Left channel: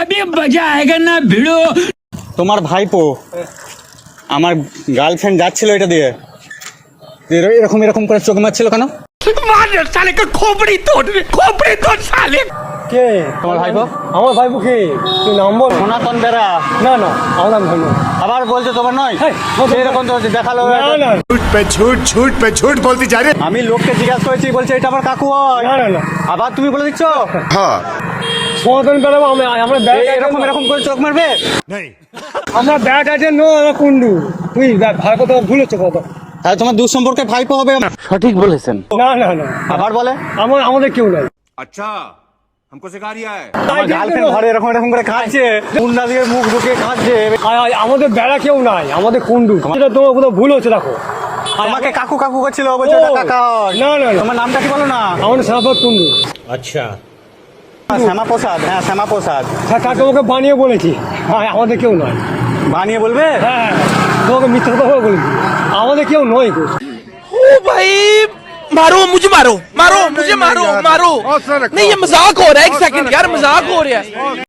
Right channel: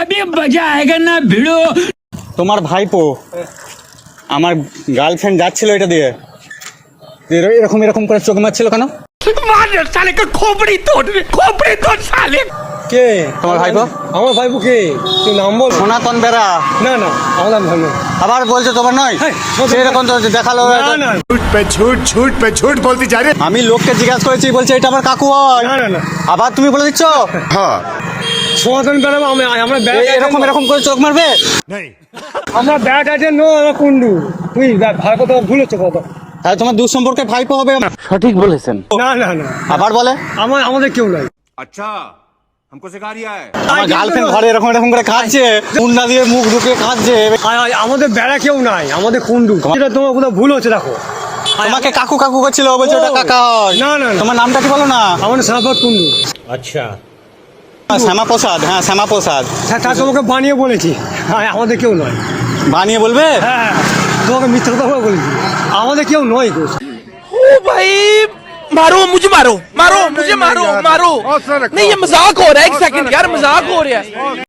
अभी मजा आएगा ना भिड़ो। তোমার ভাইপো আমার গার্লফ্রেন্ড যাচ্ছিল এটা দিয়ে এরকম এরকম করে চোখ মারছিল কেন? मार साले का खोपड़ी तोड़ साले। কে তোমার ভাইপো? আমার ভাইপো কে? তুই নাম বল। সনাতন বেরা। না না, আমার নাম ধন্য। আবার বলছে তোমার নয়? এরকম তো দেখালো। না না झूठ पे झूठ बोलती जा रही है। আমি লোককে জিজ্ঞাসা করেছি, বলছে এটা আমার কাকু হয়। না না না, আবার তুমি বলে দিচ্ছ हाँ সমাধান বেড়াবো আমরা ব্যাট এরকম এরকম করে চোখ মারবে? नहीं আমরা ব্যাট আছে নো আমরা কুন্ডু। তুই ভাই কথা ভুল হচ্ছে কথা। তাহলে তোমার দুঃসম্পর্কে ভাইপো হবে? না না না, আবার বলে আমাদের কেউ নাই। अच्छा हमको सिखा रिया है। আমার গার্লফ্রেন্ড ঘরে এরকম এরকম করে খাচ্ছে, মুন্না দিয়ে মুখ ঢুকে খাচ্ছে। আমাদের বেড়া কেউ নাই, আমাদের কুন্ডু। এটা তোমার কোথাও ভুল হচ্ছে দেখো। তোমাকে কাকু কাকু করছিল, বলছে ওটা কাকা হয়। না না না, তোমার নামটা কি বলো না? আমাদের সাফাত কুন্ডু। শ্যামা প্রসাদ। হ্যাঁ শ্যামা প্রসাদ। তা তোমাকে বানিয়ে বলেছি। হ্যাঁ আমাদের কেউ নাই। বানিয়ে বলবে? হ্যাঁ তোমাকে মিথ্যা কথা বলেছি, আমাদের কেউ নয় গো। ओ भाई मारो मुझे मारो मारो मुझे मारो मारो नहीं ये मजाक हो रहा है एक सेकंड यार मजाक हो रहा है